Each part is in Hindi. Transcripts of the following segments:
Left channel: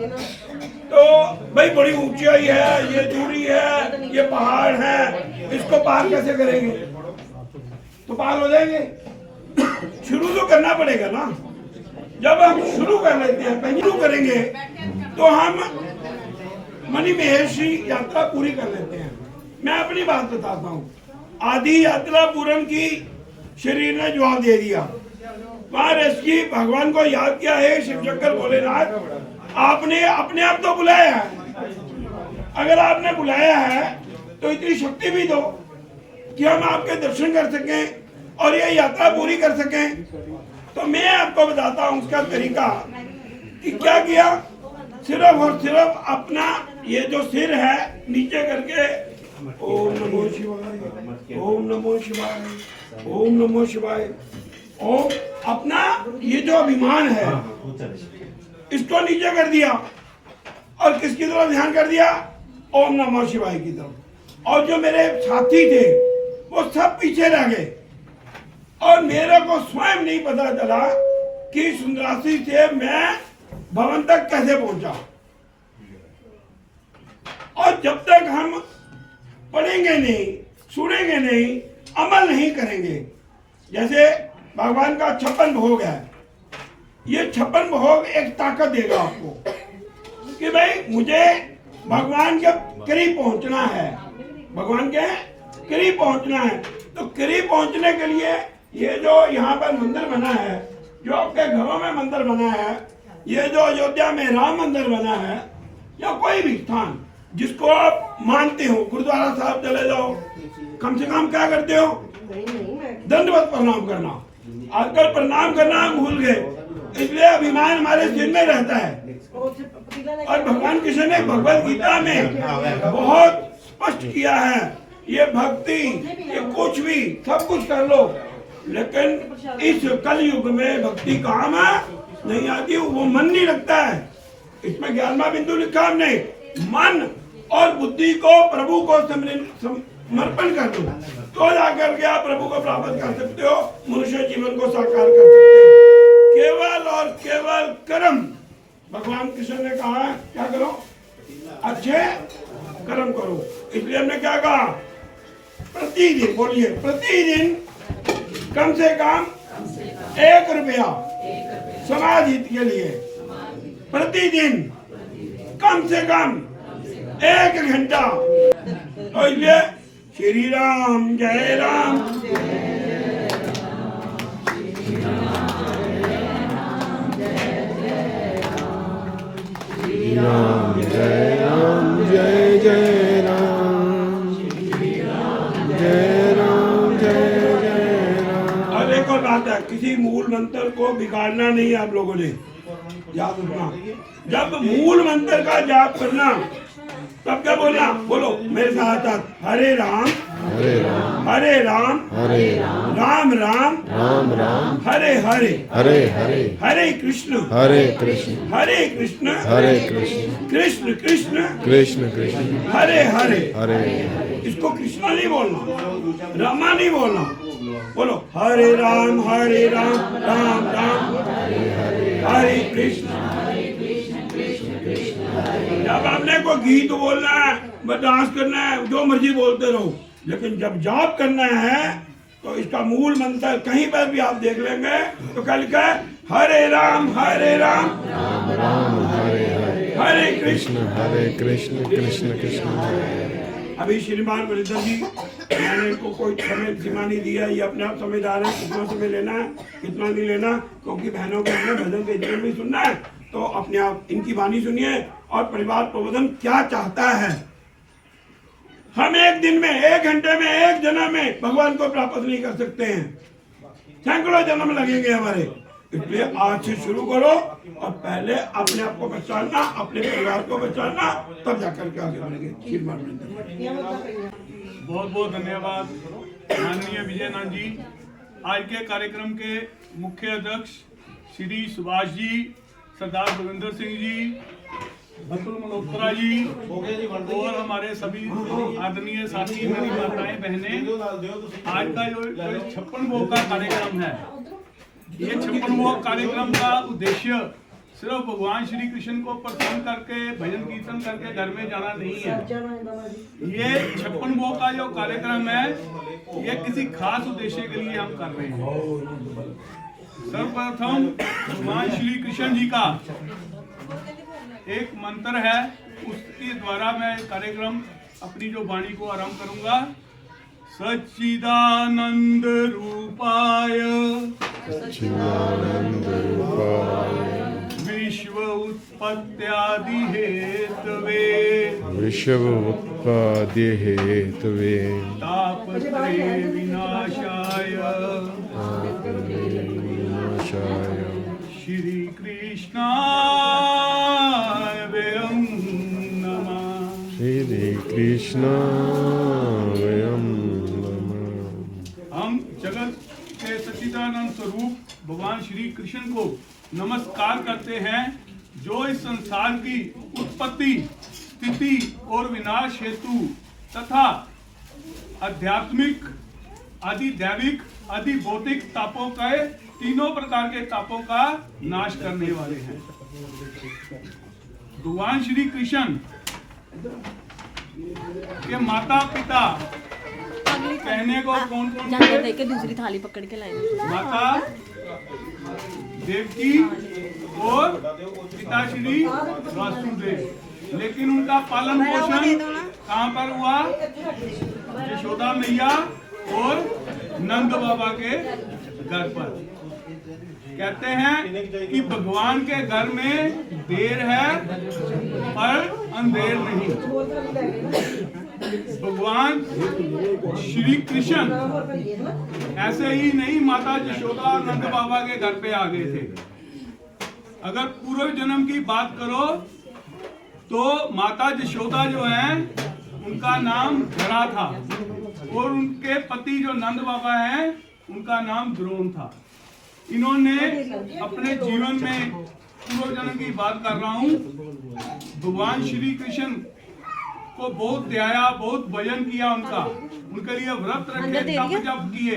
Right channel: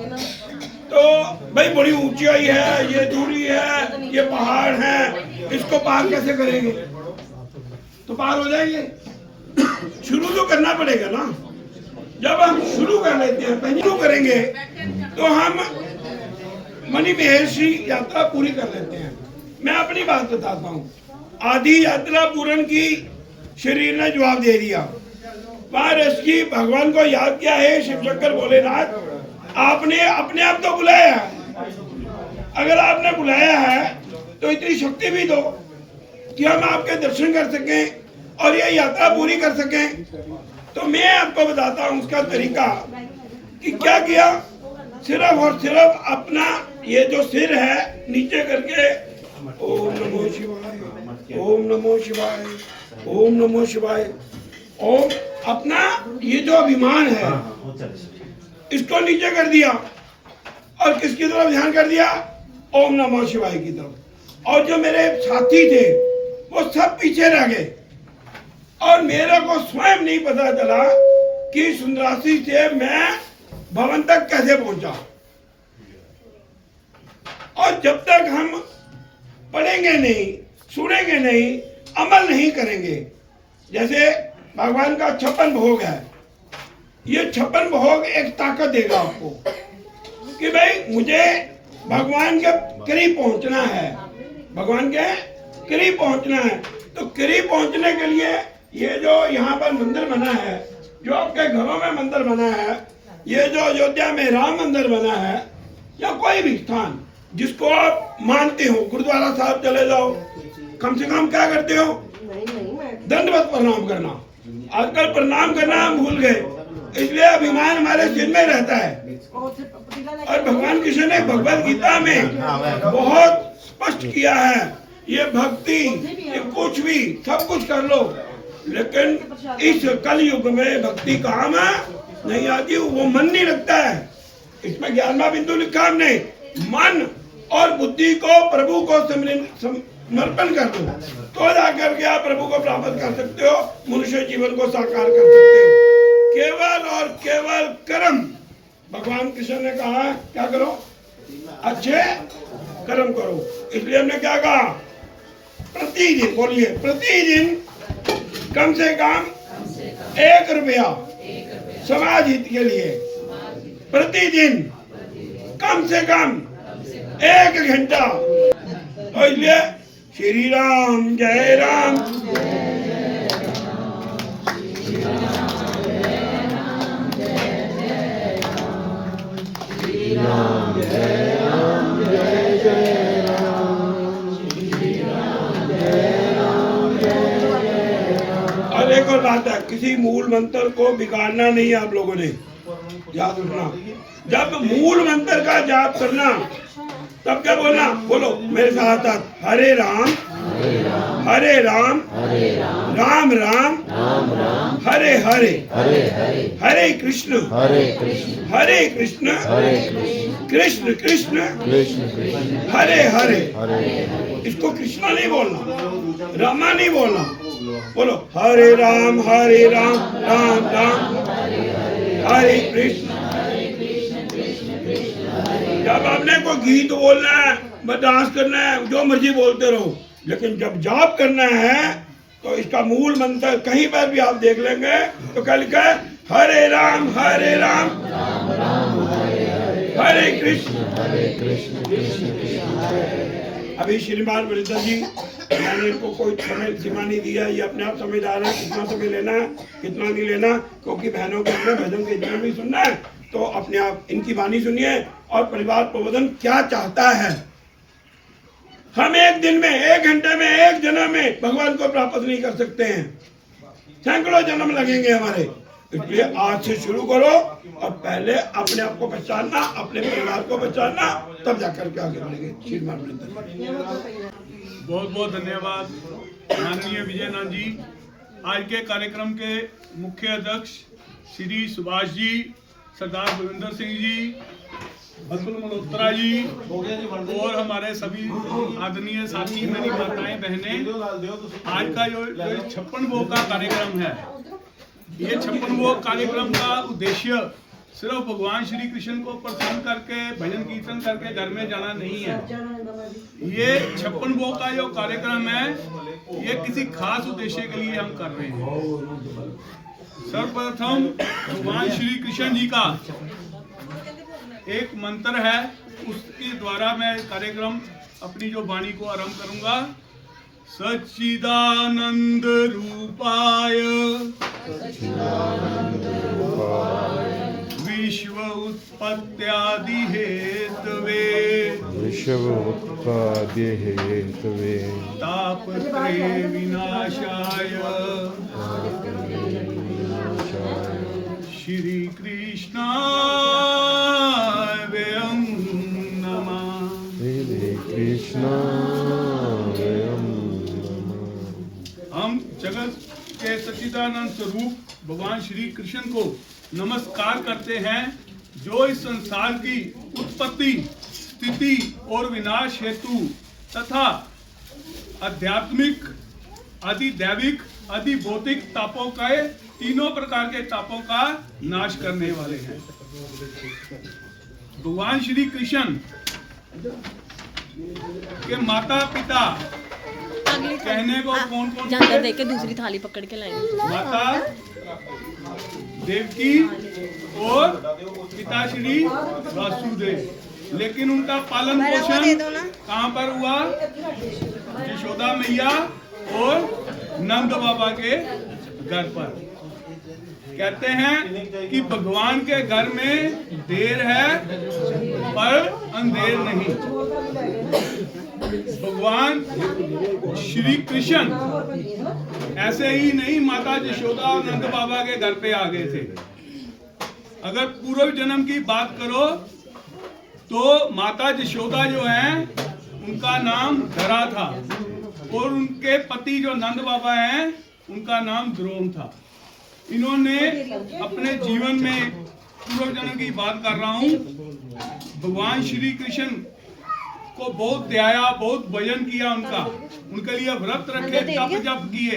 तो भाई बड़ी ऊंचाई है, ये दूरी है, ये पहाड़ है, इसको पार कैसे करेंगे? तो पार हो जाएंगे। शुरू तो करना पड़ेगा ना। जब हम शुरू कर लेते हैं, पहले शुरू करेंगे तो हम मणिमहेश यात्रा पूरी कर लेते हैं। मैं अपनी बात बताता हूँ। आधी यात्रा पूर्ण की, शरीर ने जवाब दे दिया। वहां ऋषि भगवान को याद किया है, शिव शंकर भोलेनाथ आपने अपने आप तो बुलाया है। अगर आपने बुलाया है तो इतनी शक्ति भी दो कि हम आपके दर्शन कर सकें और ये यात्रा पूरी कर सकें। तो मैं आपको बताता हूँ उसका तरीका कि क्या किया। सिर्फ और सिर्फ अपना ये जो सिर है नीचे करके ओम नमो शिवाय, ओम नमो शिवाय, ओम नमो शिवाय, ओम, अपना ये जो अभिमान है इसको नीचे कर दिया और किसकी तरफ ध्यान कर दिया? ओम नमो शिवाय की तरफ। और जो मेरे साथी थे वो सब पीछे रह गए और मेरे को स्वयं नहीं पता चला कि सुंदरासी से मैं भवन तक कैसे पहुंचा। और जब तक हम पढ़ेंगे नहीं, सुनेंगे नहीं, अमल नहीं करेंगे, जैसे भगवान का 56 भोग है, ये 56 भोग एक ताकत देगा आपको कि भाई मुझे भगवान के करीब पहुंचना है, भगवान के करीब पहुंचना है। तो करीब पहुंचने के लिए ये जो यहाँ पर मंदिर बना है, जो आपके घरों में मंदिर बना है, ये जो अयोध्या में राम मंदिर बना है, या कोई भी स्थान जिसको आप मानते हो, गुरुद्वारा साहब चले जाओ, कम से कम क्या करते हो? दंडवत प्रणाम करना। आजकल प्रणाम करना हम भूल गए, इसलिए अभिमान हमारे सिर में रहता है। और भगवान कृष्ण ने भगवद गीता में बहुत स्पष्ट किया है, ये भक्ति, ये कुछ भी, सब कुछ कर लो, लेकिन इस कलयुग में भक्ति काम नहीं आती, वो मन नहीं लगता है। इसमें 11वां बिंदु लिखा हमने, मन और बुद्धि को प्रभु को समर्पण कर दो, तो जाकर के आप प्रभु को प्राप्त कर सकते हो, मनुष्य जीवन को साकार कर सकते हो। केवल और केवल कर्म। भगवान कृष्ण ने कहा क्या करो? अच्छे कर्म करो। इसलिए हमने क्या कहा? प्रतिदिन, बोलिए, प्रतिदिन कम से कम 1 रुपया समाज हित के लिए, प्रतिदिन कम से कम 1 घंटा। तो इसलिए श्री राम जय राम, राम जय राम, जय जय राम, श्री राम जय राम, जय जय राम। और एक और बात है, किसी मूल मंत्र को बिगाड़ना नहीं है आप लोगों ने, याद रखना। जब मूल मंत्र का जाप करना तब क्या बोलना? बोलो मेरे साथ साथ, हरे राम हरे राम राम राम हरे हरे हरे कृष्ण हरे कृष्ण कृष्ण कृष्ण हरे हरे। इसको कृष्णा नहीं बोलना, रामा नहीं बोलना, बोलो हरे राम राम राम हरे कृष्ण। जब आपने कोई गीत बोलना है, डांस करना है, जो मर्जी बोलते रहो, लेकिन जब जाप करना है तो इसका मूल मंत्र कहीं पर भी आप देख लेंगे तो क्या लिखा है? हरे राम हरे कृष्ण कृष्ण कृष्ण। अभी श्रीमान वरिंदर जी, मैंने इनको कोई समय सीमा नहीं दिया, ये अपने आप समझदार है, कितना समय लेना है कितना नहीं लेना, क्योंकि बहनों को अपने भजन के जीवन में सुनना है। तो अपने आप इनकी वाणी सुनिए और परिवार प्रबोधन क्या चाहता है। हम एक दिन में, 1 घंटे में, 1 जन्म में भगवान को प्राप्त नहीं कर सकते हैं, सैकड़ों जन्म लगेंगे हमारे। इसलिए आज से शुरू करो और पहले अपने आप को पहचानना, अपने परिवार को पहचानना, तब जाकर के आगे बढ़ेंगे। बहुत बहुत धन्यवाद माननीय विजयनाथ जी। आज के कार्यक्रम के मुख्य अध्यक्ष श्री सुभाष जी, सरदार बलविंदर सिंह जी, अतुल मल्होत्रा जी और हमारे सभी आदरणीय साथी, मेरी माताएं बहनें, आज का जो 56 भोग का कार्यक्रम है, ये 56 भोग कार्यक्रम का उद्देश्य सिर्फ भगवान श्री कृष्ण को प्रसन्न करके भजन कीर्तन करके घर में जाना नहीं है। ये 56 भोग का जो कार्यक्रम है ये किसी खास उद्देश्य के लिए हम कर रहे हैं। सर्वप्रथम भगवान श्री कृष्ण जी का एक मंत्र है, उसके द्वारा मैं कार्यक्रम अपनी जो वाणी को आरंभ करूंगा। सच्चिदानंद रूपाय विश्व उत्पत्त्यादि हेतवे तापत्रय विनाशाय श्री कृष्णाय वयं नमः। हम जगत के सच्चिदानंद स्वरूप भगवान श्री कृष्ण को नमस्कार करते हैं, जो इस संसार की उत्पत्ति, स्थिति और विनाश हेतु तथा आध्यात्मिक, अधिदैविक, अधिभौतिक तापों का, तीनों प्रकार के तापों का नाश करने वाले हैं। भगवान श्री कृष्ण के माता पिता कहने को कौन कौन जाकर देख के दूसरी थाली पकड़ के लाएंगे। माता देवकी और पिता श्री वासुदेव। लेकिन उनका पालन पोषण कहाँ पर हुआ? यशोदा मैया और नंद बाबा के घर पर। कहते हैं कि भगवान के घर में देर है पर अंधेर नहीं। भगवान श्री कृष्ण ऐसे ही नहीं माता यशोदा और नंद बाबा के घर पे आ गए थे। अगर पूर्व जन्म की बात करो तो माता यशोदा जो है उनका नाम धरा था और उनके पति जो नंद बाबा हैं उनका नाम द्रोण था। इन्होंने अपने जीवन में, पूर्व जन्म की बात कर रहा हूँ, भगवान श्री कृष्ण को बहुत ध्याया, बहुत भजन किया उनके लिए व्रत रखे, तप जप किए,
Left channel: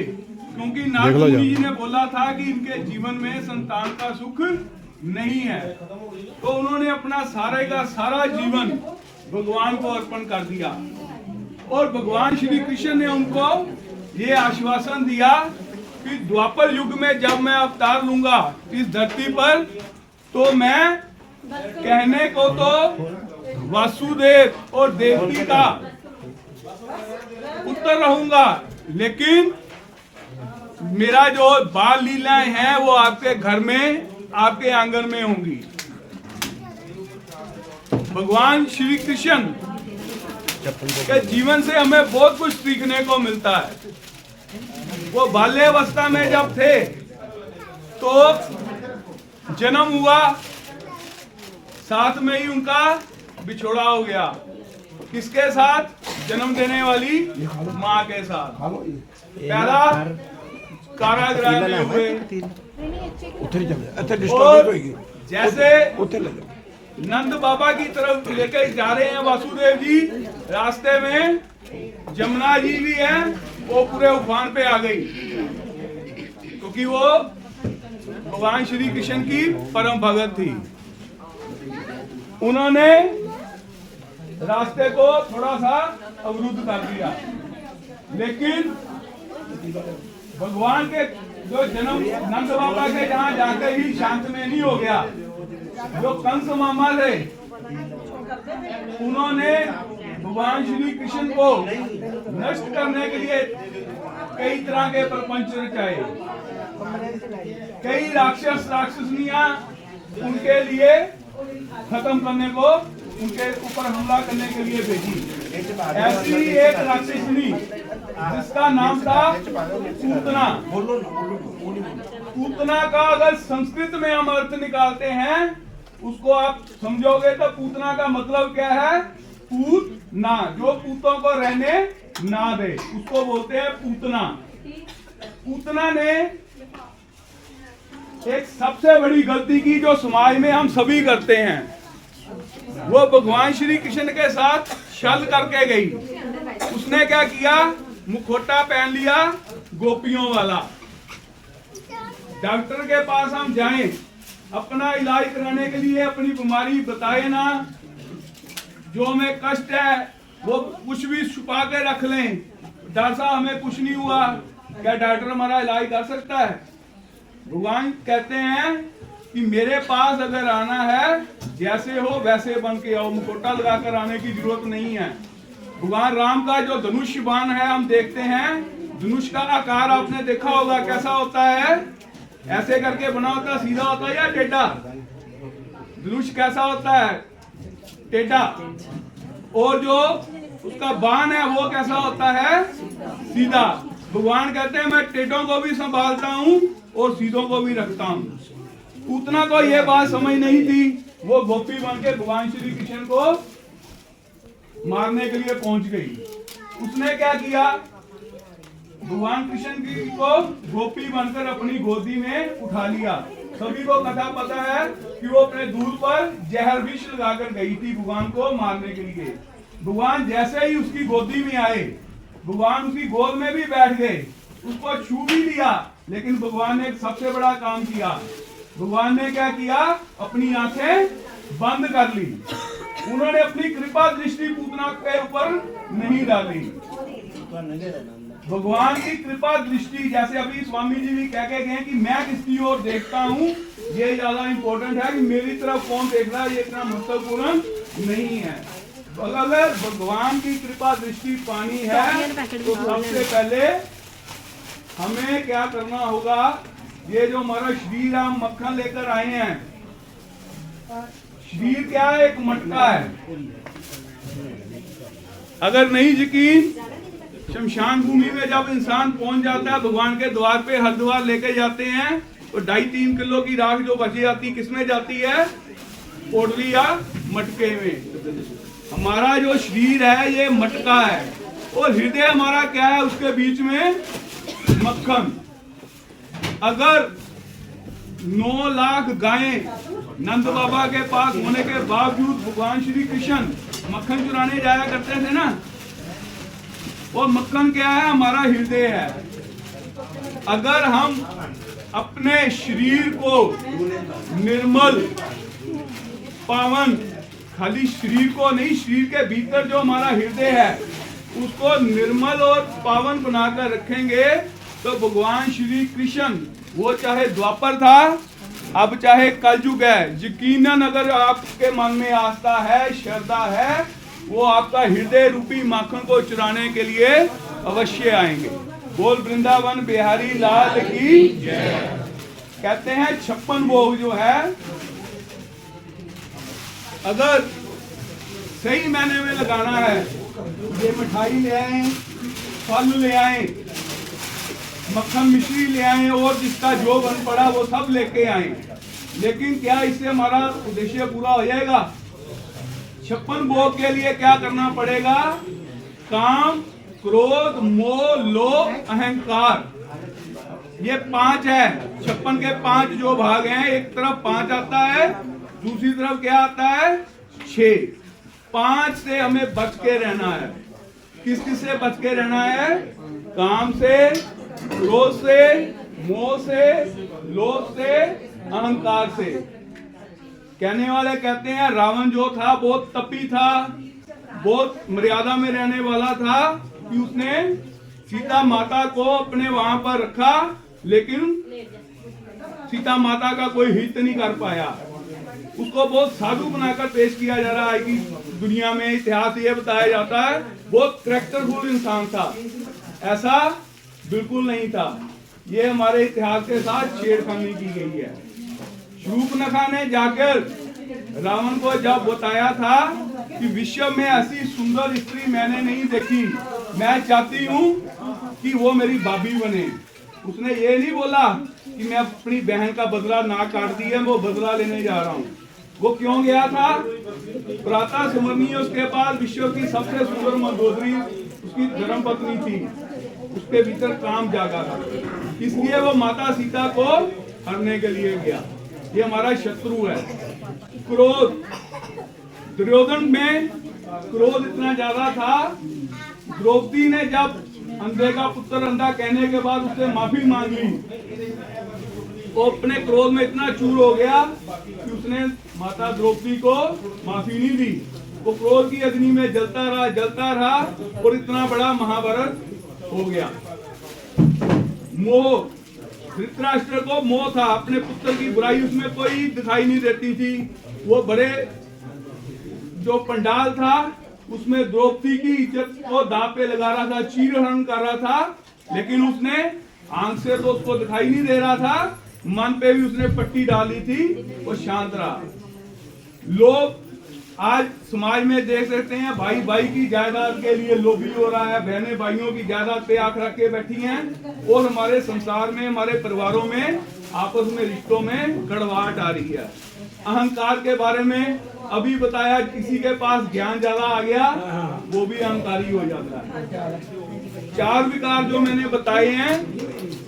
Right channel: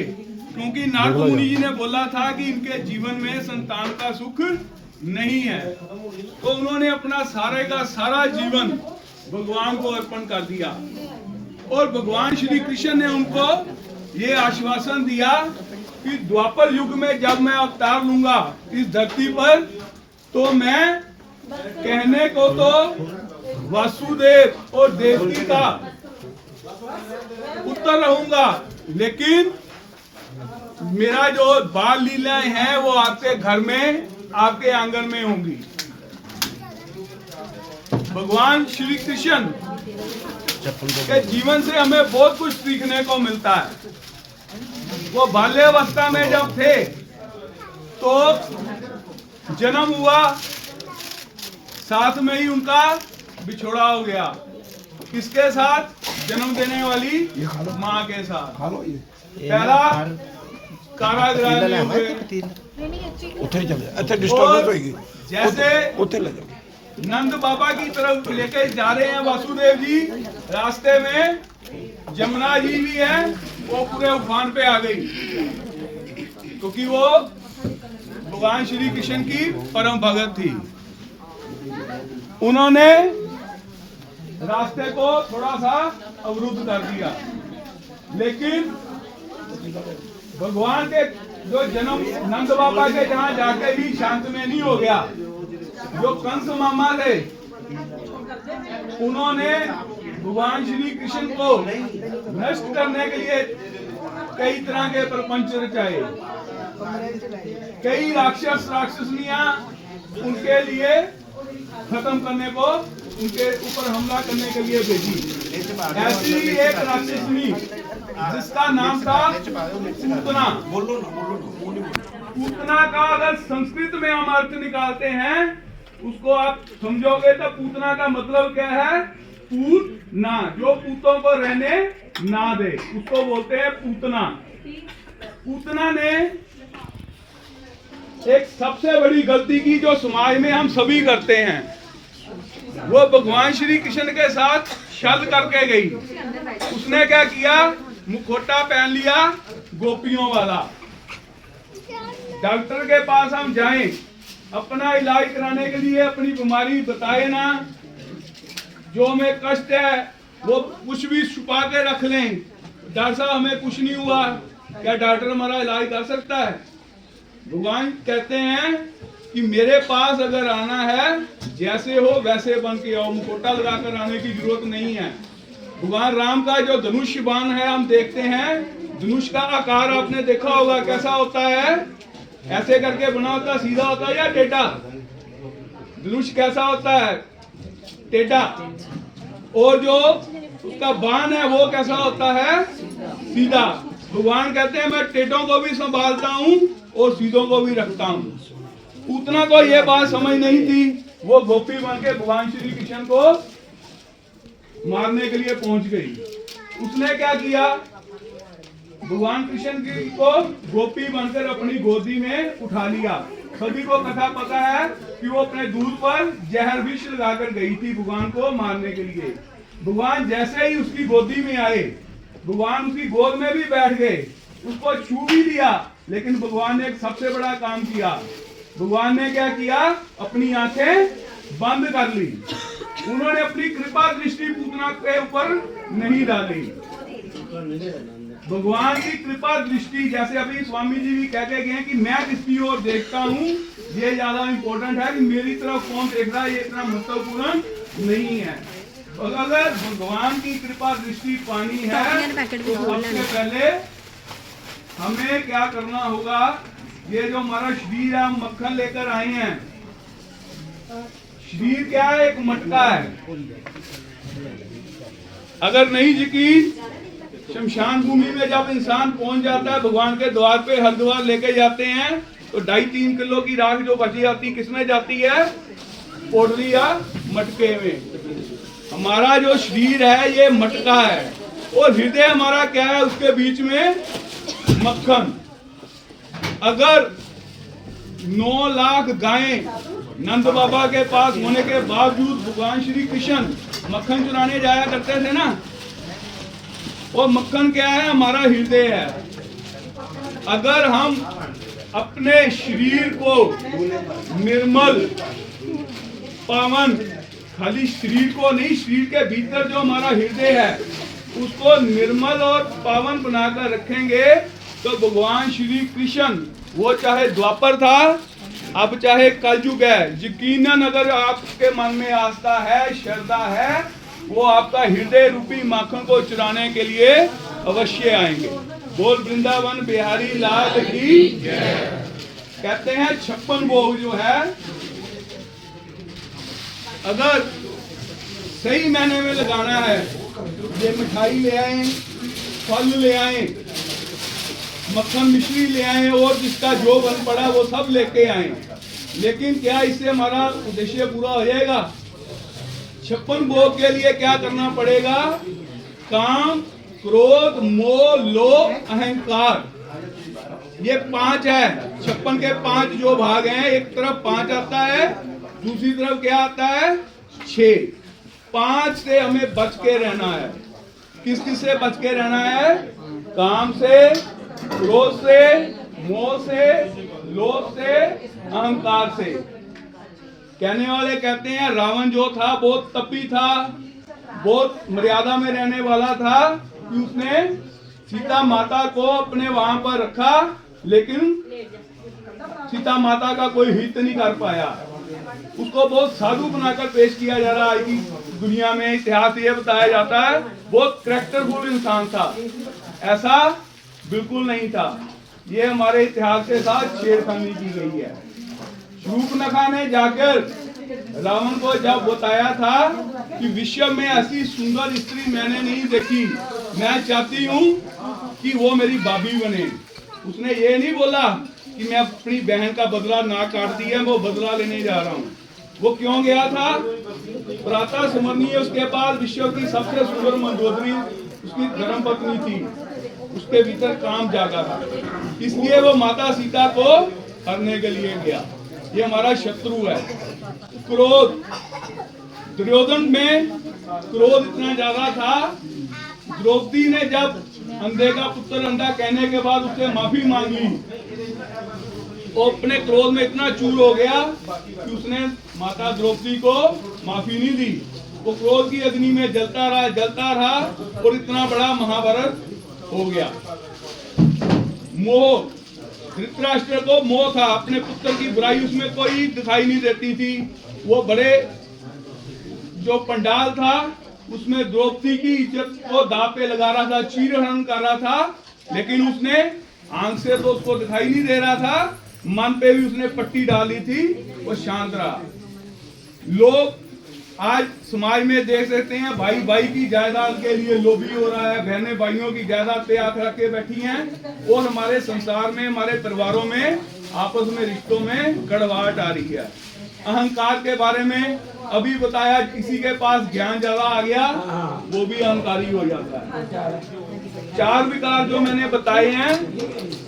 क्योंकि नारद मुनि जी ने बोला था कि इनके जीवन में संतान का सुख नहीं है। तो उन्होंने अपना सारे का सारा जीवन भगवान को अर्पण कर दिया और भगवान श्री कृष्ण ने उनको ये आश्वासन दिया कि द्वापर युग में जब मैं अवतार लूंगा इस धरती पर, तो मैं कहने को तो वासुदेव और देवकी का पुत्र रहूंगा, लेकिन मेरा जो बाल लीलाएं हैं वो आपके घर में, आपके आंगन में होंगी। भगवान श्री कृष्ण के जीवन से हमें बहुत कुछ सीखने को मिलता है। वो बाल्यावस्था में जब थे तो जन्म हुआ, साथ में ही उनका बिछोड़ा हो गया। किसके साथ? जन्म देने वाली माँ के साथ। पहला कारागृह में हुए। और जैसे नंद बाबा की तरफ लेके जा रहे हैं वासुदेव जी, रास्ते में जमुना जी भी है, वो पूरे उफान पे आ गई, क्योंकि वो भगवान श्री कृष्ण की परम भगत थी। उन्होंने रास्ते को थोड़ा सा अवरुद्ध कर दिया, लेकिन भगवान के जो जन्म नंद बाबा के जहाँ जाके ही शांत में नहीं हो गया। जो कंस मामा थे उन्होंने भगवान श्री कृष्ण को नष्ट करने के लिए कई तरह के प्रपंच रचाए। कई राक्षसनियां उनके लिए खत्म करने को, उनके ऊपर हमला करने के लिए भेजी। ऐसी एक राक्षसनी जिसका नाम था पूतना। पूतना का अगर संस्कृत में हम अर्थ निकालते हैं, उसको आप समझोगे तो पूतना का मतलब क्या है? पूत ना, जो पूतों को रहने ना दे, उसको बोलते हैं पूतना। पूतना ने एक सबसे बड़ी गलती की जो समाज में हम सभी करते हैं। वो भगवान श्री कृष्ण के साथ छल करके गई। उसने क्या किया? मुखौटा पहन लिया गोपियों वाला। डॉक्टर के पास हम जाएं अपना इलाज कराने के लिए अपनी बीमारी बताए ना, जो हमें कष्ट है वो कुछ भी छुपा के रख लें, डॉक्टर साहब हमें कुछ नहीं हुआ, क्या डॉक्टर हमारा इलाज कर सकता है? भगवान कहते हैं कि मेरे पास अगर आना है जैसे हो वैसे बन के आओ, मुखोटा लगाकर आने की जरूरत नहीं है। भगवान राम का जो धनुष बाण है हम देखते हैं, धनुष का आकार आपने देखा होगा कैसा होता है, ऐसे करके बना होता, सीधा होता है या टेढ़ा? धनुष कैसा होता है? टेढ़ा। और जो उसका बाण है वो कैसा होता है? सीधा। भगवान कहते हैं मैं टेढ़ों को भी संभालता हूँ और सीधों को भी रखता हूँ। उतना को ये बात समझ नहीं थी, वो गोपी बन के भगवान श्री कृष्ण को मारने के लिए पहुंच गई। उसने क्या किया? भगवान कृष्ण को गोपी बनकर अपनी गोदी में उठा लिया। सभी को कथा पता है कि वो अपने दूध पर जहर विष लगाकर गई थी भगवान को मारने के लिए। भगवान जैसे ही उसकी गोदी में आए, भगवान उसकी गोद में भी बैठ गए, उसको छू भी लिया, लेकिन भगवान ने एक सबसे बड़ा काम किया। भगवान ने क्या किया? अपनी आंखें बंद कर ली। उन्होंने अपनी कृपा दृष्टि पूतना के ऊपर नहीं डाली। भगवान की कृपा दृष्टि, जैसे अभी स्वामी जी भी कह के गए कि मैं किसकी ओर देखता हूँ, ये ज्यादा इंपॉर्टेंट है कि मेरी तरफ कौन देख रहा है, ये इतना महत्वपूर्ण नहीं है। अगर भगवान की कृपा दृष्टि पानी है तो सबसे पहले हमें क्या करना होगा? ये जो हमारा शरीर है, हम मक्खन लेकर आए हैं, शरीर क्या है? एक मटका है। अगर नहीं यकीन, शमशान भूमि में जब इंसान पहुंच जाता है, भगवान के द्वार पे हरिद्वार लेके जाते हैं, तो 2.5-3 किलो की राख जो बची जाती है किसमें जाती है? पोटली या मटके में। हमारा जो शरीर है ये मटका है, और हृदय हमारा क्या है? उसके बीच में मक्खन। अगर 9 लाख गायें नंद बाबा के पास होने के बावजूद भगवान श्री कृष्ण मक्खन चुराने जाया करते थे ना, और मक्खन क्या है? हमारा हृदय है। अगर हम अपने शरीर को निर्मल पावन, खाली शरीर को नहीं, शरीर के भीतर जो हमारा हृदय है उसको निर्मल और पावन बनाकर रखेंगे, तो भगवान श्री कृष्ण, वो चाहे द्वापर था, अब चाहे कलयुग है, यकीनन अगर आपके मन में आस्था है, श्रद्धा है, वो आपका हृदय रूपी माखन को चुराने के लिए अवश्य आएंगे। बोल वृंदावन बिहारी लाल की जय। कहते हैं 56 भोग जो है, अगर सही महीने में लगाना है, ये मिठाई ले आए, फल ले आए, मक्खन मिश्री ले आए, और जिसका जो बन पड़ा वो सब लेके आए, लेकिन क्या इससे हमारा उद्देश्य पूरा हो जाएगा? 56 भोग के लिए क्या करना पड़ेगा? काम, क्रोध, मोह, लोभ, अहंकार, ये 5 है। 56 के 5 जो भाग हैं, एक तरफ 5 आता है, दूसरी तरफ क्या आता है? 6। 5 से हमें बच के रहना है। किस किस से बच के रहना है? काम से, क्रोध से, मोह से, लोभ से, अहंकार से। कहने वाले कहते हैं रावण जो था बहुत तपी था, बहुत मर्यादा में रहने वाला था, कि उसने सीता माता को अपने वहां पर रखा, लेकिन सीता माता का कोई हित नहीं कर पाया। उसको बहुत साधु बनाकर पेश किया जा रहा है कि दुनिया में इतिहास ये बताया जाता है बहुत कैरेक्टरफुल इंसान था। ऐसा बिल्कुल नहीं था। ये हमारे इतिहास के साथ छेड़खानी की गई है। शूर्पणखा ने जाकर रावण को जब बताया था कि विश्व में ऐसी सुंदर स्त्री मैंने नहीं देखी, मैं चाहती हूँ कि वो मेरी भाभी बने। उसने ये नहीं बोला कि मैं अपनी बहन का बदला ना काट दिया, वो बदला लेने जा रहा हूँ। वो क्यों गया था? प्रातः स्मरणीय उसके बाद विश्व की सबसे सुंदर मंदोदरी उसकी धर्मपत्नी थी, उसके भीतर काम जागा था, इसलिए वो माता सीता को हरने के लिए गया। ये हमारा शत्रु है। क्रोध, दुर्योधन में क्रोध इतना ज्यादा था, द्रौपदी ने जब अंधे का पुत्र अंधा कहने के बाद उससे माफी मांग ली, वो अपने क्रोध में इतना चूर हो गया कि उसने माता द्रौपदी को माफी नहीं दी। वो क्रोध की अग्नि में जलता रहा और इतना बड़ा महाभारत हो गया। मोह, धृतराष्ट्र को मोह था, अपने पुत्र की बुराई उसमें कोई दिखाई नहीं देती थी। वो बड़े जो पंडाल था उसमें द्रौपदी की इज्जत को दांव पे लगा रहा था, चीरहरण कर रहा था, लेकिन उसने आंख से तो उसको दिखाई नहीं दे रहा था, मन पे भी उसने पट्टी डाली थी, वो शांत रहा। लोग आज समाज में देख सकते हैं, भाई भाई की जायदाद के लिए लोभी हो रहा है, बहनें भाइयों की जायदाद पे आंख रख के बैठी हैं, और हमारे संसार में, हमारे परिवारों में, आपस में रिश्तों में कड़वाहट आ रही है। अहंकार के बारे में अभी बताया, किसी के पास ज्ञान ज्यादा आ गया वो भी अहंकारी हो जाता है। 4 विकार जो मैंने बताए हैं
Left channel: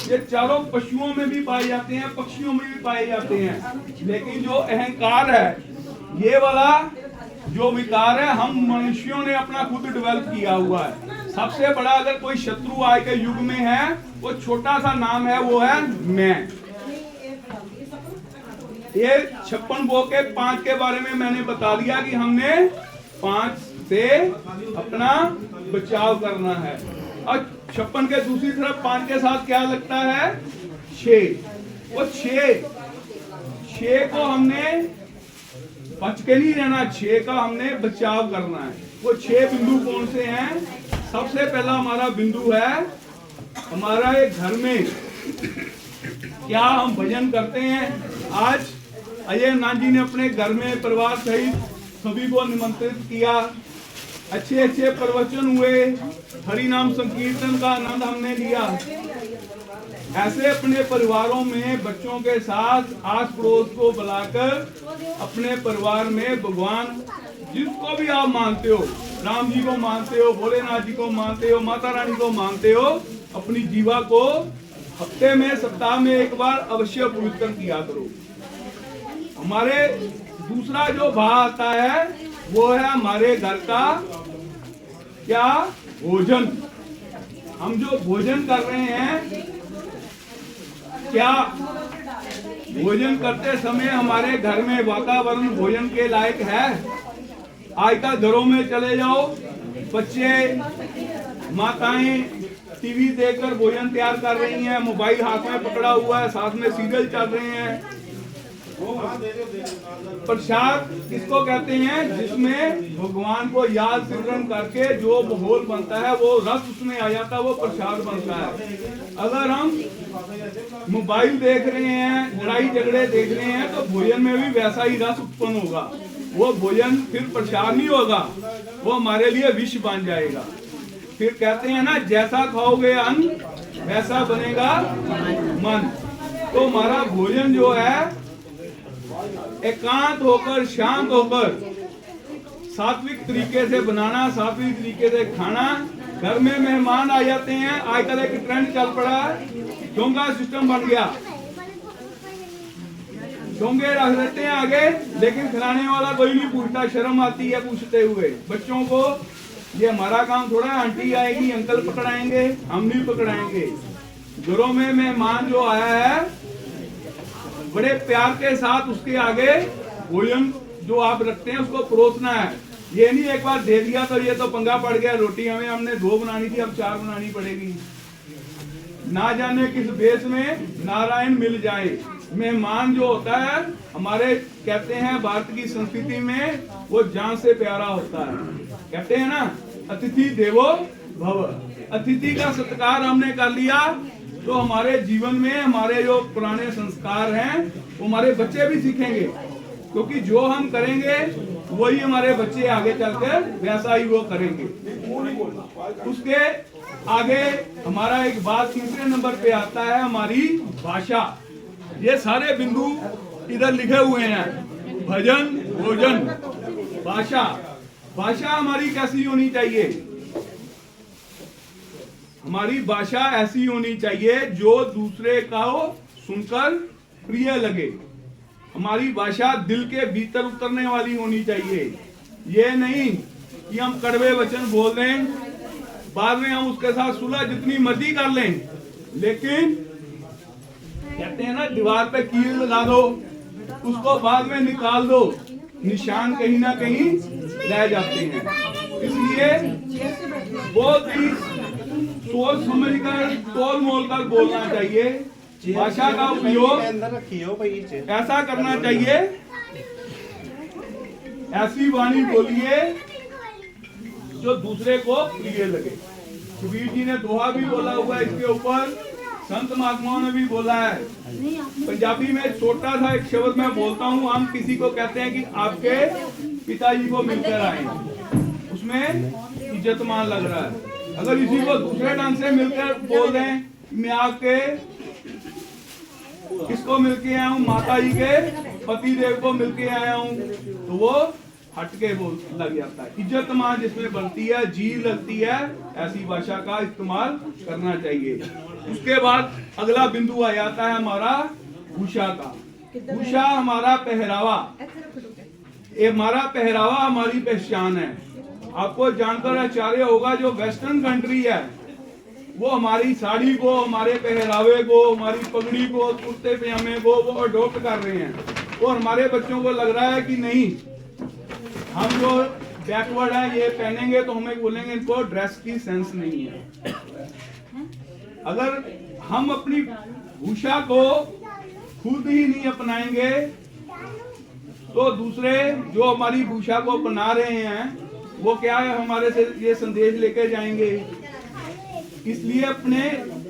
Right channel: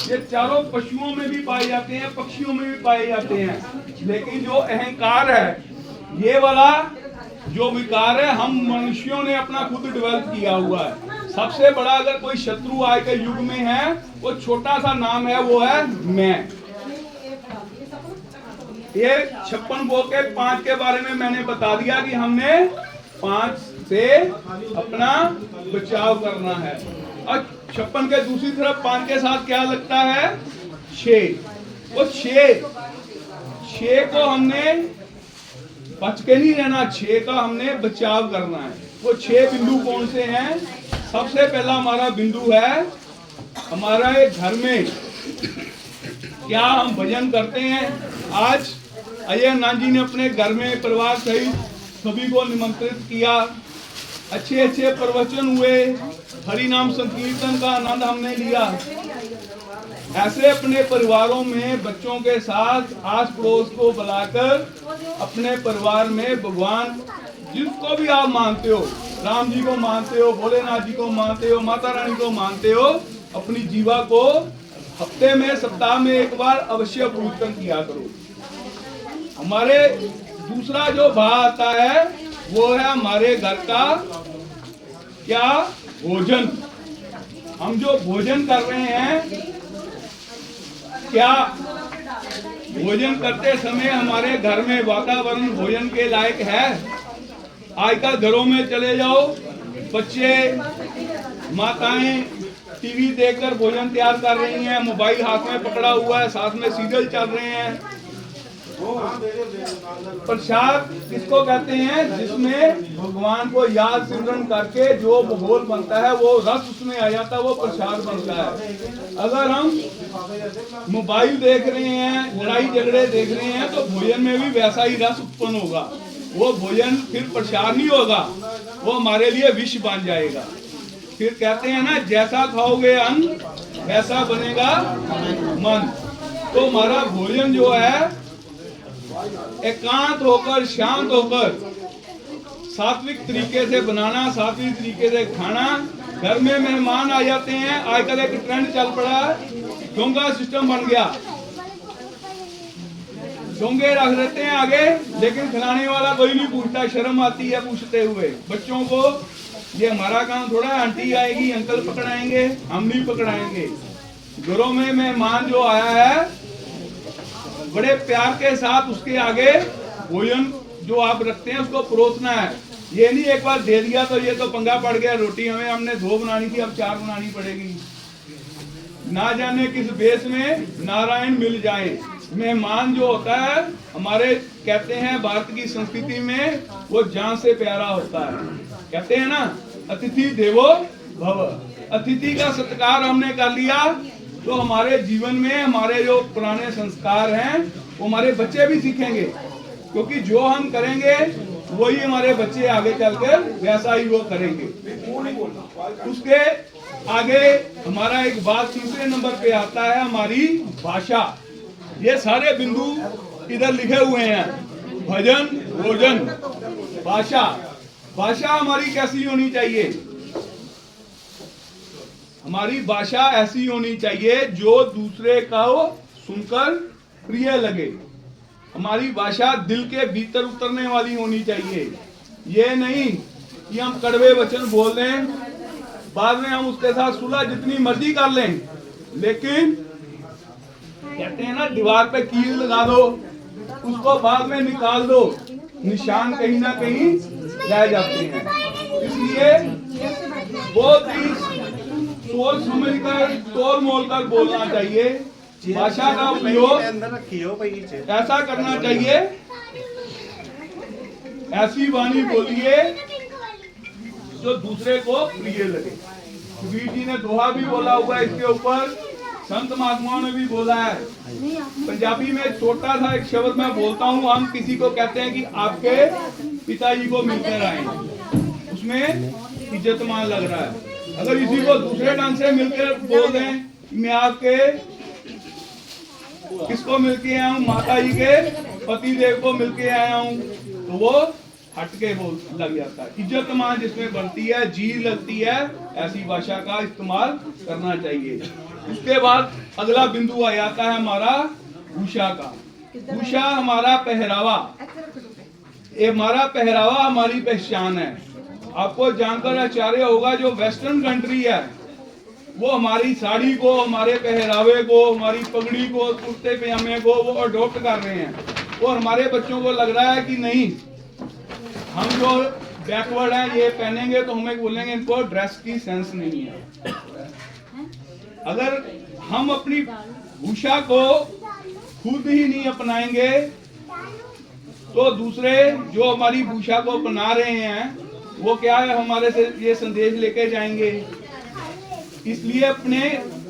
ये चारों पशुओं में भी पाए जाते हैं, पक्षियों में भी पाए जाते हैं, लेकिन जो अहंकार है, ये वाला जो विकार है, हम मनुष्यों ने अपना खुद डेवलप किया हुआ है। सबसे बड़ा अगर कोई शत्रु आज के युग में है, वो छोटा सा नाम है, वो है मैं। ये 56 भोग के 5 के बारे में मैंने बता दिया कि हमने 5 से अपना बचाव करना है। और 56 के दूसरी तरफ 5 के साथ क्या लगता है? 6। वो 6 को हमने बच के नहीं रहना, 6 का हमने बचाव करना है। वो 6 बिंदु कौन से हैं? सबसे पहला हमारा बिंदु है हमारा घर में क्या हम भजन करते हैं। आज अजय नाथ जी ने अपने घर में परिवार सहित सभी को निमंत्रित किया, अच्छे अच्छे प्रवचन हुए, हरि नाम संकीर्तन का आनंद हमने लिया। ऐसे अपने परिवारों में बच्चों के साथ आस पड़ोस को बुलाकर अपने परिवार में भगवान जिसको भी आप मानते हो, राम जी को मानते हो, भोलेनाथ जी को मानते हो, माता रानी को मानते हो, अपनी जीवा को हफ्ते में, सप्ताह में एक बार अवश्य पूजन किया करो। हमारे दूसरा जो भाव आता है वो है हमारे घर का क्या भोजन। हम जो भोजन कर रहे हैं, क्या भोजन करते समय हमारे घर में वातावरण भोजन के लायक है? आजकल घरों में चले जाओ, बच्चे, माताएं टीवी देखकर भोजन तैयार कर रही हैं, मोबाइल हाथ में पकड़ा हुआ है, साथ में सीरियल चल रहे हैं। प्रसाद किसको कहते हैं? जिसमें भगवान को याद सिमरन करके जो माहौल बनता है, वो रस उसमें आ जाता है, वो प्रसाद बनता है। अगर हम मोबाइल देख रहे हैं, लड़ाई झगड़े देख रहे हैं, तो भोजन में भी वैसा ही रस उत्पन्न होगा। वो भोजन फिर प्रसाद नहीं होगा, वो हमारे लिए विष बन जाएगा। फिर कहते हैं ना, जैसा खाओगे अन्न वैसा बनेगा मन। तो हमारा भोजन जो है एकांत होकर, शांत होकर, सात्विक तरीके से बनाना, सात्विक तरीके से खाना। घर में मेहमान आ जाते हैं, आजकल एक ट्रेंड चल पड़ा, डोंगा सिस्टम बन गया, डोंगे रख देते हैं आगे, लेकिन खिलाने वाला कोई नहीं पूछता, शर्म आती है पूछते हुए। बच्चों को ये हमारा काम थोड़ा है, आंटी आएगी, अंकल पकड़ाएंगे, हम नहीं पकड़ाएंगे। घरों में मेहमान जो आया है, बड़े प्यार के साथ उसके आगे भोजन जो आप रखते हैं उसको परोसना है। ये नहीं एक बार दे दिया तो ये तो पंगा पड़ गया, रोटी हमने 2 बनानी थी, अब 4 बनानी पड़ेगी। ना जाने किस बेस में नारायण मिल जाए। मेहमान जो होता है, हमारे कहते हैं भारत की संस्कृति में वो जान से प्यारा होता है। कहते हैं ना, अतिथि देवो भव। अतिथि का सत्कार हमने कर लिया तो हमारे जीवन में हमारे जो पुराने संस्कार हैं वो हमारे बच्चे भी सीखेंगे, क्योंकि जो हम करेंगे वही हमारे बच्चे आगे चलकर वैसा ही वो करेंगे। उसके आगे हमारा एक बात तीसरे नंबर पे आता है, हमारी भाषा। ये सारे बिंदु इधर लिखे हुए हैं, भजन, भोजन, भाषा। भाषा हमारी कैसी होनी चाहिए? हमारी भाषा ऐसी होनी चाहिए जो दूसरे का सुनकर प्रिय लगे। हमारी भाषा दिल के भीतर उतरने वाली होनी चाहिए। ये नहीं कि हम कड़वे वचन बोल दें, बाद में हम उसके साथ सुलह जितनी मर्जी कर लें, लेकिन कहते हैं ना दीवार पे कील लगा दो, उसको बाद में निकाल दो, निशान कहीं ना कहीं रह जाते हैं। इसलिए बहुत ही सोच समझ कर तोल मोल कर बोलना चाहिए। भाषा का उपयोग ऐसा करना चाहिए, ऐसी वाणी बोलिए जो दूसरे को प्रिय लगे। कबीर जी ने दोहा भी बोला हुआ है इसके ऊपर, संत महात्माओं ने भी बोला है। पंजाबी में छोटा सा एक शब्द मैं बोलता हूँ, हम किसी को कहते हैं कि आपके पिताजी को मिलकर आए, उसमें इज्जत मान लग रहा है। अगर इसी को दूसरे ढंग से मिलकर बोल दें मैं आपके किसको मिलके आया हूँ, माता जी के पति देव को मिलके आया हूँ, तो वो हटके बोल लग जाता है। इज्जत मान जिसमें बनती है, जी लगती है, ऐसी भाषा का इस्तेमाल करना चाहिए। उसके बाद अगला बिंदु आ जाता है हमारा भूषा का। भूषा हमारा पहरावा, ये हमारा पहरावा हमारी पहचान है। आपको जानकर आश्चर्य होगा, जो वेस्टर्न कंट्री है वो हमारी साड़ी को, हमारे पहरावे को, हमारी पगड़ी को, कुर्ते पजामे को वो अडॉप्ट कर रहे हैं। और हमारे बच्चों को लग रहा है कि नहीं, हम जो बैकवर्ड हैं ये पहनेंगे तो हमें बोलेंगे इनको ड्रेस की सेंस नहीं है। अगर हम अपनी भूषा को खुद ही नहीं अपनाएंगे तो दूसरे जो हमारी भूषा को अपना रहे हैं वो क्या है, हमारे से ये संदेश लेके जाएंगे। इसलिए अपने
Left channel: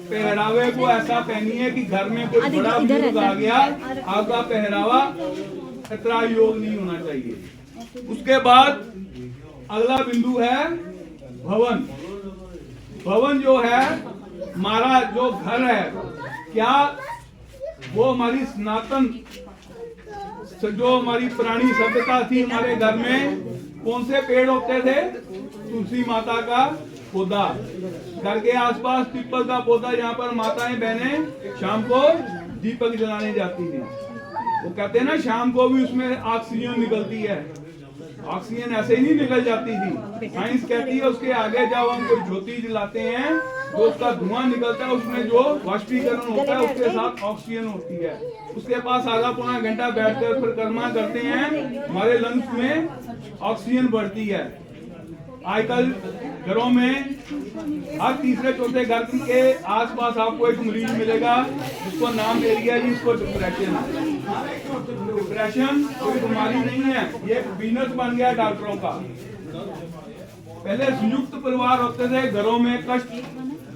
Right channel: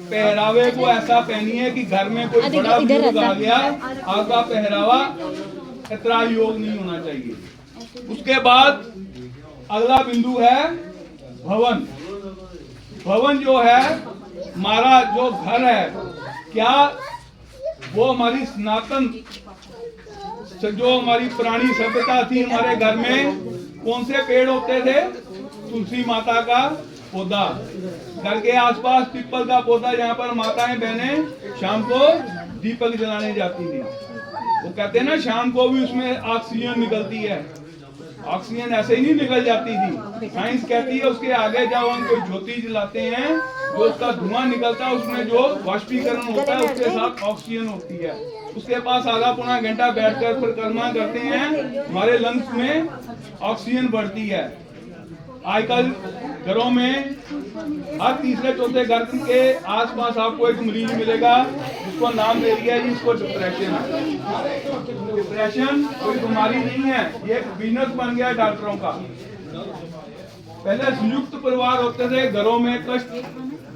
पहरावे को ऐसा पहनिए कि घर में कोई बड़ा बुजुर्ग आ गया, आपका पहरावा इतना योग नहीं होना चाहिए। उसके बाद अगला बिंदु है भवन। भवन जो है हमारा जो घर है, क्या वो हमारी सनातन जो हमारी पुरानी सभ्यता थी, हमारे घर में कौन से पेड़ होते थे? तुलसी माता का पौधा, घर के आसपास पीपल का पौधा, जहाँ पर माताएं बहनें शाम को दीपक जलाने जाती थी। वो कहते हैं ना शाम को भी उसमें ऑक्सीजन निकलती है। ऑक्सीजन ऐसे ही नहीं निकल जाती थी, साइंस कहती है उसके आगे जब हम कोई ज्योति जलाते हैं जो उसका धुआं निकलता है उसमें जो वाष्पीकरण होता है उसके साथ ऑक्सीजन होती है। उसके पास आधा पौना घंटा बैठकर परिक्रमा करते हैं, हमारे लंग्स में ऑक्सीजन बढ़ती है। आजकल घरों में हर तीसरे चौथे घर के आसपास आपको एक मरीज मिलेगा जिसको नाम दे दिया कि इसको डिप्रेशन है। डिप्रेशन कोई बीमारी नहीं है, ये एक बिजनेस बन गया डॉक्टरों का। पहले संयुक्त परिवार होते थे, घरों में कष्ट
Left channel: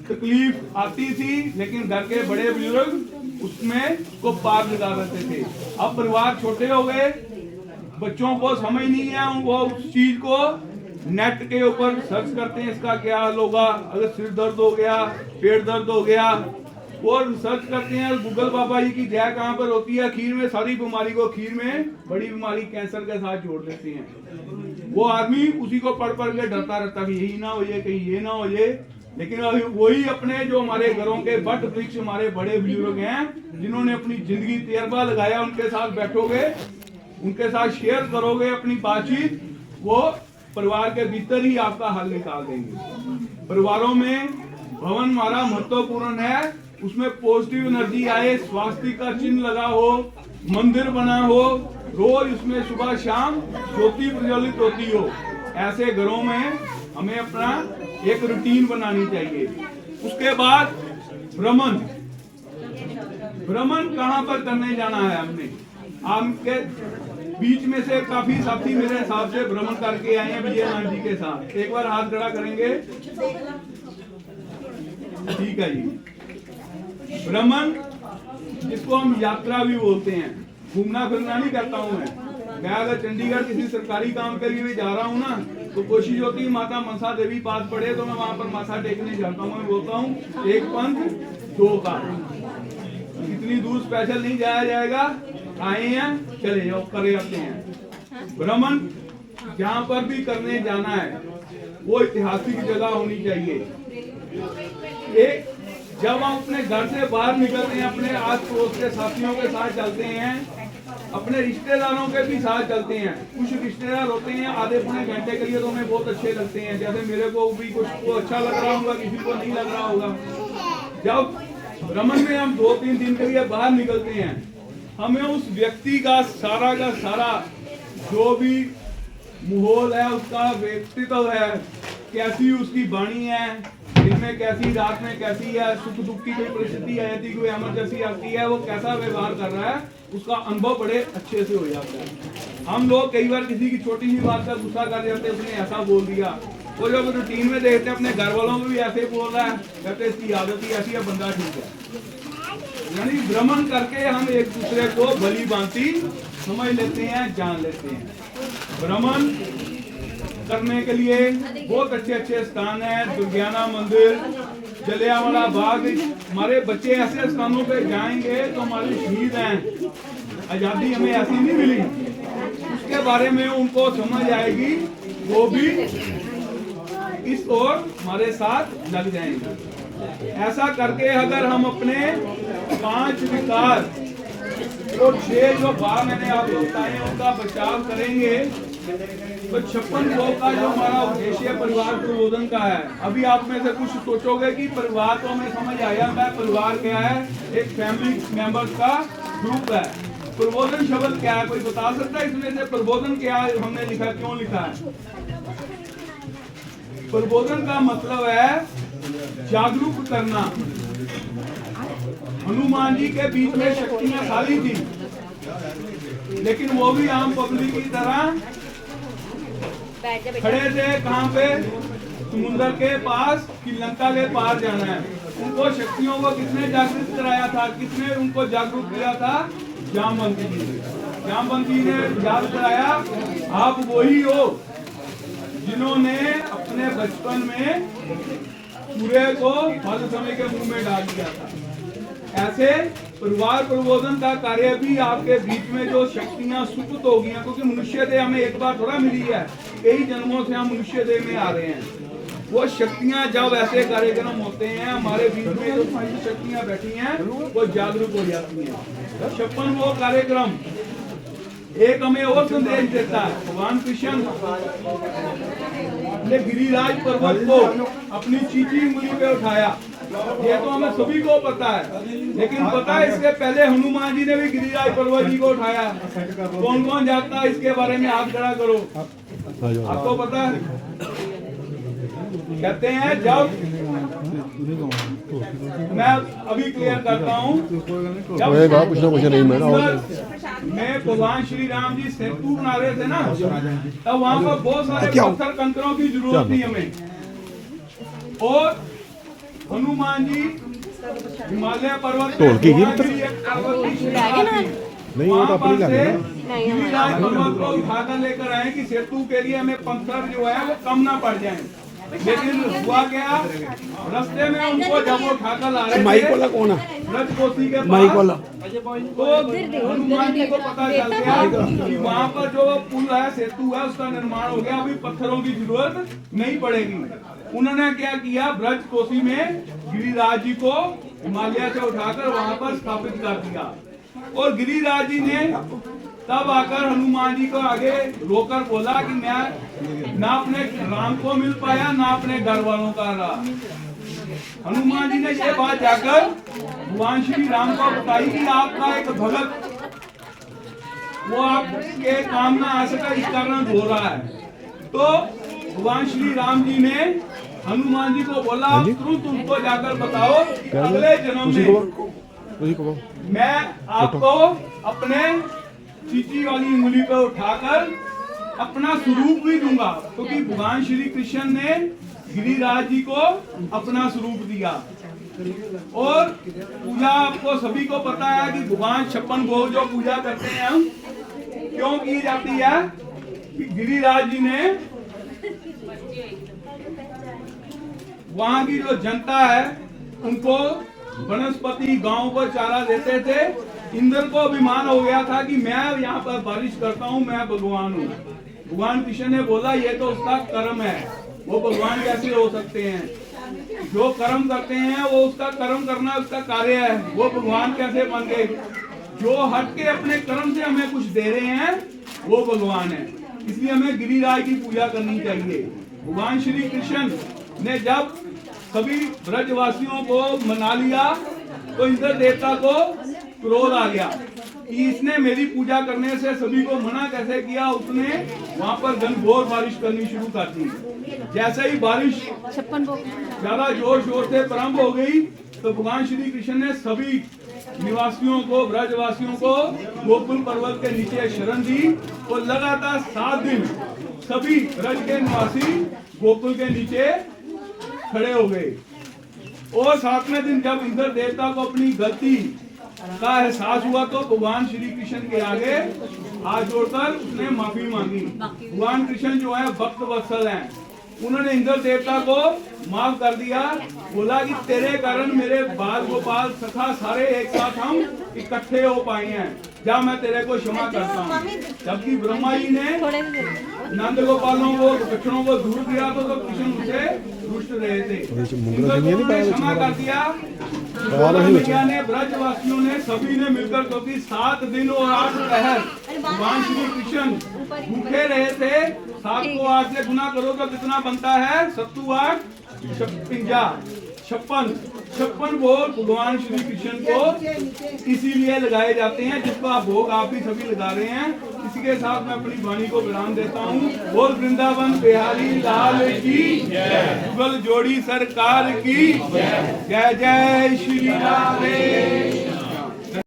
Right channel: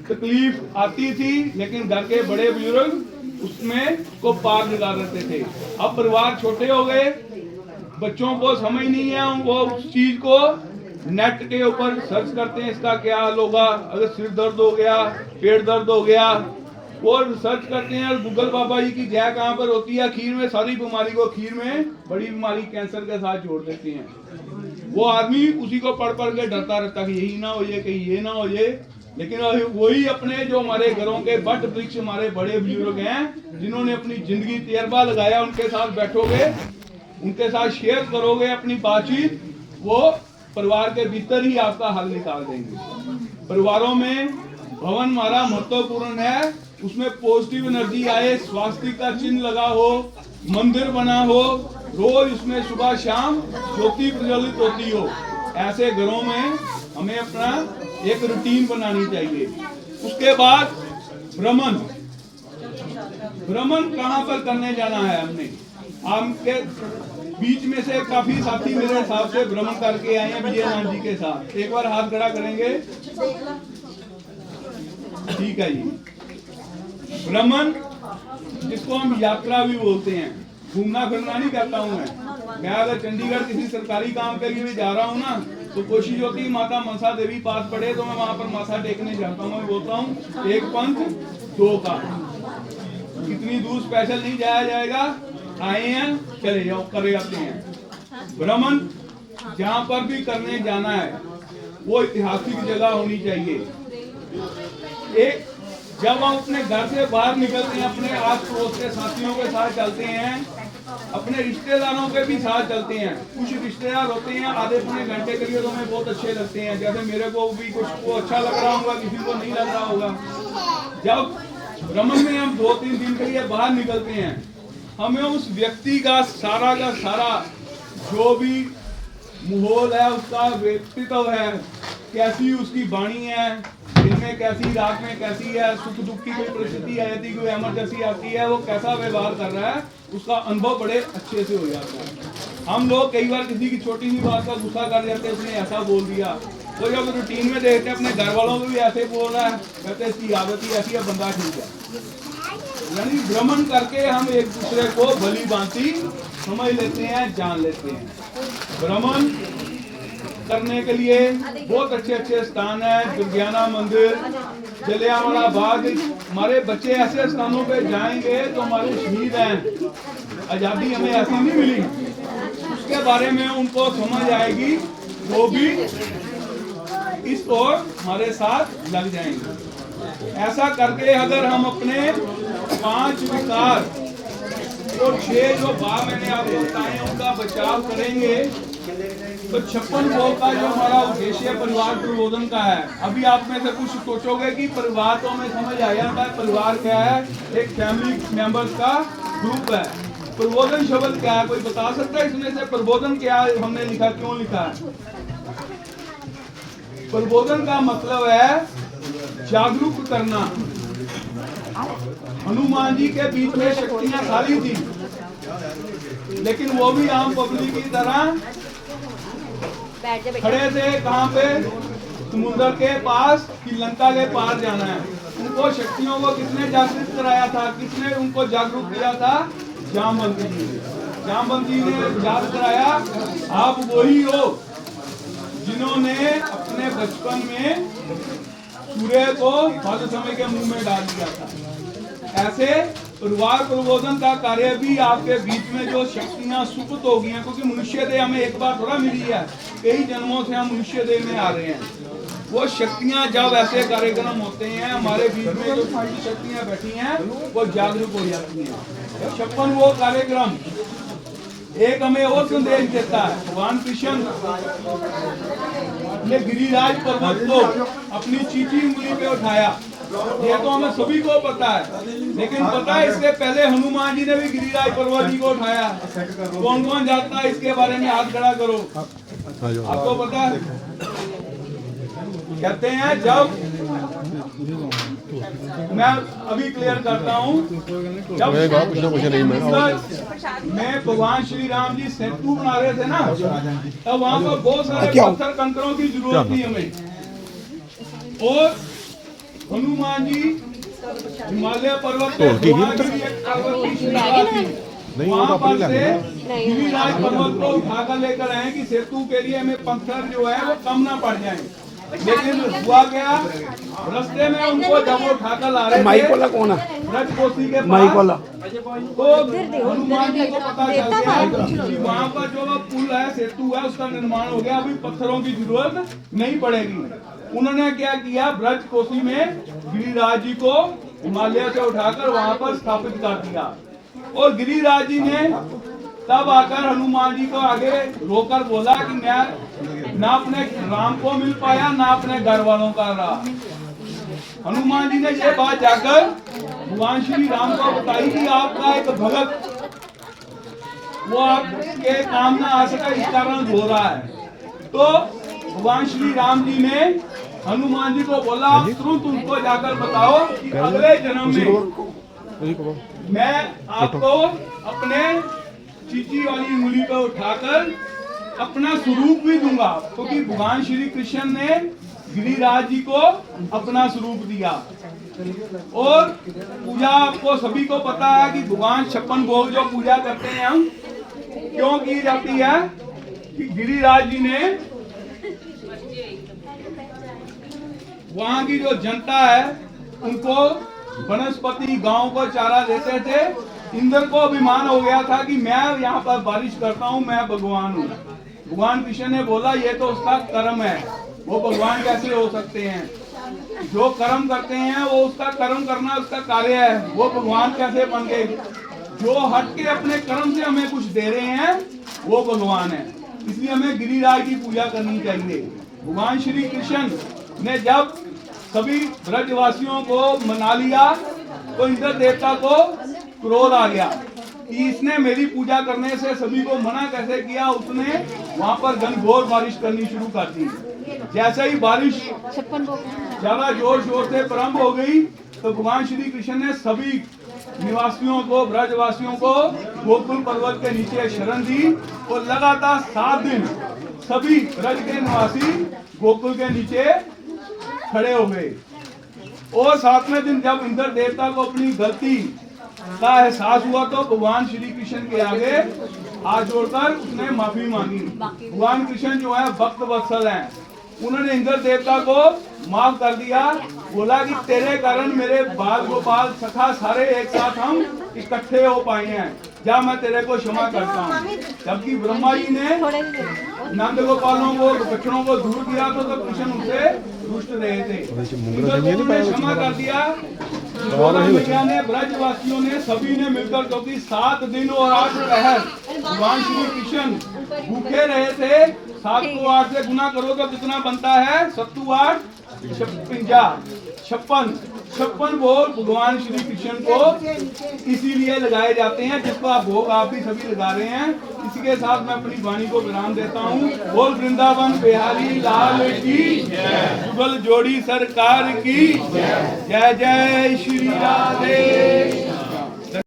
तकलीफ आती थी, लेकिन घर के बड़े बुजुर्ग उसमें को पार लगा देते थे। अब परिवार छोटे हो गए, बच्चों को समझ नहीं है, वो उस चीज को नेट के ऊपर सर्च करते हैं इसका क्या हल होगा। अगर सिर दर्द हो गया, पेट दर्द हो गया, और सर्च करते हैं गूगल बाबा जी की जय कहाँ पर होती है, खीर में, सारी बीमारी को खीर में, बड़ी बीमारी कैंसर के साथ जोड़ देते हैं। वो आदमी उसी को पढ़ पढ़ के डरता रहता है यही ना हो जाए, कहीं ये ना हो जाए। लेकिन वही अपने जो हमारे घरों के बट वृक्ष हमारे बड़े बुजुर्ग हैं जिन्होंने अपनी जिंदगी तजर्बा लगाया, उनके साथ बैठोगे, उनके साथ शेयर करोगे अपनी बातचीत, वो परिवार के भीतर ही आपका हल निकाल देंगे। परिवारों में भवन हमारा महत्वपूर्ण है, उसमें पॉजिटिव एनर्जी आए, स्वास्थ्य का चिन्ह लगा हो, मंदिर बना हो, रोज उसमें सुबह शाम ज्योति प्रज्वलित होती हो। ऐसे घरों में हमें अपना एक रूटीन बनानी चाहिए। उसके बाद भ्रमण। भ्रमण कहाँ पर करने जाना है हमने? आपके बीच में से काफी साथी मेरे हिसाब से भ्रमण करके आए हैं विजयनाथ जी के साथ। एक बार हाथ खड़ा करेंगे, ठीक है जी। भ्रमण जिसको हम यात्रा भी बोलते हैं, घूमना फिरना नहीं करता हूँ मैं अगर चंडीगढ़ किसी सरकारी काम के लिए भी जा रहा हूँ ना, तो कोशिश होती है माता मनसा देवी पास पड़े तो मैं वहां पर माथा टेकने जाता हूँ। मैं बोलता हूँ एक पंथ दो काम, इतनी दूर स्पेशल नहीं जाया जाएगा, आए हैं चले जाओ, करे आते हैं। भ्रमण जहाँ पर भी करने जाना है वो ऐतिहासिक जगह होनी चाहिए। एक जब हम अपने घर से बाहर निकलते हैं, अपने आस पड़ोस के साथियों के साथ चलते हैं, अपने रिश्तेदारों के भी साथ चलते हैं। कुछ रिश्तेदार होते हैं आधे पौने घंटे के लिए तो हमें बहुत अच्छे लगते हैं, जैसे मेरे को भी कुछ को अच्छा लग रहा होगा, किसी को नहीं लग रहा होगा। जब भ्रमण में हम 2-3 दिन के लिए बाहर निकलते हैं, हमें उस व्यक्ति का सारा जो भी माहौल है, उसका व्यक्तित्व है, कैसी उसकी वाणी है, दिन में कैसी, रात में कैसी है, सुख दुख की कोई परिस्थिति आ जाती, कोई इमरजेंसी आती है, वो कैसा व्यवहार कर रहा है, उसका अनुभव बड़े अच्छे से हो जाता है। हम लोग कई बार किसी की छोटी सी बात का गुस्सा कर जाते हैं, उसने ऐसा बोल दिया, वो लोग रूटीन में देखते हैं अपने घर वालों को भी ऐसे बोल रहा है, कहते हैं इसकी आदत ही ऐसी है, बंदा ठीक है। यानी भ्रमण करके हम एक दूसरे को भली भांति समझ लेते हैं, जान लेते हैं। भ्रमण करने के लिए बहुत अच्छे स्थान है, दुर्गियाना मंदिर, जलियांवाला बाग। हमारे बच्चे ऐसे स्थानों पे जाएंगे तो हमारे शहीद हैं, आजादी हमें ऐसी नहीं मिली, उसके बारे में उनको समझ आएगी, वो भी इस ओर हमारे साथ लग जाएंगे। ऐसा करके अगर हम अपने 5 विकार और 6 जो भाव मैंने आपको बताए उनका बचाव करेंगे तो 56 भोग का जो हमारा उद्देश्य परिवार प्रबोधन का है। अभी आप में से कुछ सोचोगे कि परिवार तो हमें समझ आ जाता है, परिवार क्या है, एक फैमिली मेंबर्स का ग्रुप है। प्रबोधन शब्द क्या है, कोई बता सकता है इसमें से प्रबोधन क्या है, हमने लिखा, क्यों लिखा है? प्रबोधन का मतलब है जागरूक करना। हनुमान जी के बीच में शक्तियां खाली थी, लेकिन वो भी आम पब्लिक की तरह खड़े थे। कहाँ पे? समुद्र के पास कि लंका के पार जाना है। उनको शक्तियों को किसने जागरूक कराया था, किसने उनको जागरूक किया था? जामवंती जी। जामवंती ने याद कराया, आप वही हो जिन्होंने अपने बचपन में सूर्य को मधु समय के मुंह में डाल दिया था। ऐसे परिवार प्रबोधन का कार्य भी आपके बीच में जो शक्तियां सुप्त हो गई हैं, क्योंकि मनुष्य देह हमें एक बार थोड़ा मिली है, कई जन्मों से हम मनुष्य देह में आ रहे हैं। वो शक्तियां जब ऐसे कार्यक्रम होते हैं, हमारे बीच में जो शक्तियां बैठी हैं वो जागरूक हो जाती हैं। 56 वो कार्यक्रम एक हमें और संदेश देता है। भगवान कृष्ण ने गिरिराज पर्वत को अपनी चीची उंगली पे उठाया, ये तो हमें सभी को पता है, लेकिन पता है इसके पहले हनुमान जी ने भी गिरिराज पर्वत जी को उठाया। कौन कौन जानता है इसके बारे में? हाथ खड़ा करो। आपको पता है? कहते हैं जब मैं अभी क्लियर करता हूँ, जब मैं भगवान श्री राम जी सेतु बना रहे थे ना, तब वहाँ पर बहुत सारे पत्थर कंकरों की जरूरत थी हमें, और हनुमान जी हिमालय पर्वत पे वहाँ पर से गिरिराज पर्वत को उठाकर लेकर आए कि सेतु के लिए हमें पत्थर जो है वो कम ना पड़ जाए। लेकिन हुआ क्या, रास्ते में उनको जब वो उठाकर ला रहे थे ब्रजकोशी के पास, तो हनुमान जी को पता चल गया कि वहाँ पर जो पुल है, सेतु है, उसका निर्माण हो गया, अभी पत्थरों की जरूरत नहीं पड़ेगी। उन्होंने क्या किया, ब्रजकोशी में गिरिराज जी को हिमालय से उठाकर वहाँ पर स्थापित कर दिया। और गिरिराज जी ने तब आकर हनुमान जी को आगे रोकर बोला कि मैं ना अपने राम को मिल पाया, ना अपने घर वालों का रहा। हनुमान जी ने ये बात जाकर भगवान श्री राम को बताई कि आपका एक भगत वो आपके काम ना आ सका, इस कारण रो रहा है। तो भगवान श्री राम जी ने हनुमान जी को बोला, तुरंत उनको जाकर बताओ कि अगले जन्म में मैं आपको अपने चीची वाली उंगली पर उठाकर अपना स्वरूप भी दूंगा, क्योंकि भगवान श्री कृष्ण ने गिरिराज जी को अपना स्वरूप दिया। और पूजा आपको सभी को पता है कि भगवान 56 भोग जो पूजा करते हैं हम क्यों की जाती है, कि गिरिराज जी ने वहाँ की जो जनता है उनको वनस्पति गांव पर चारा देते थे। इंद्र को अभिमान हो गया था कि मैं यहाँ पर बारिश करता हूँ, मैं भगवान हूँ। भगवान कृष्ण ने बोला ये तो उसका कर्म है, वो भगवान कैसे हो सकते हैं? जो कर्म करते हैं वो उसका कर्म करना उसका कार्य है, वो भगवान कैसे बन गए? जो हट के अपने कर्म से हमें कुछ दे रहे हैं वो भगवान है। इसलिए हमें गिरिराज की पूजा करनी चाहिए। भगवान श्री कृष्ण ने जब सभी ब्रजवासियों को मना लिया तो इंद्र देवता को क्रोध आ गया कि इसने मेरी पूजा करने से सभी को मना कैसे किया। उसने वहां पर घनघोर बारिश करनी शुरू कर दी। जैसे ही बारिश ज्यादा जोर शोर से प्रारंभ हो गई तो भगवान श्री कृष्ण ने सभी निवासियों को, ब्रजवासियों को गोकुल पर्वत के नीचे शरण दी और लगातार 7 दिन सभी ब्रज के निवासी गोकुल के नीचे खड़े हो गए। और 7वें दिन जब इंद्र देवता को अपनी गलती का एहसास हुआ तो भगवान श्री कृष्ण के आगे हाथ जोड़कर उसने माफी मांगी। भगवान कृष्ण जो है भक्त वत्सल हैं, उन्होंने इंद्र देवता को माफ कर दिया। बोला कि तेरे कारण मेरे बाल गोपाल सखा सारे एक साथ हम इकट्ठे हो पाए हैं, जा मैं तेरे को क्षमा करता हूँ। जबकि ब्रह्मा जी ने नंद गोपालों को, बच्चों को दूर किया तो कृष्ण उनसे रुष्ट रहे थे। इंद्र देव ने क्षमा कर दिया। मैया ने, ब्रजवासियों ने, सभी ने मिलकर, क्योंकि 7 दिन और 8 पहर भगवान श्री कृष्ण भूखे रहे थे। 7 को 8 से गुना करो तो कितना बनता है? 7 8 56 56 भोग भगवान श्री कृष्ण को इसीलिए लगाए जाते हैं, जिसका भोग आप भी सभी लगा रहे हैं। इसी के साथ मैं अपनी वाणी को विराम देता हूँ। बोल वृंदावन बिहारी लाल की जुगल जोड़ी सरकार की जय। जय श्री राधे।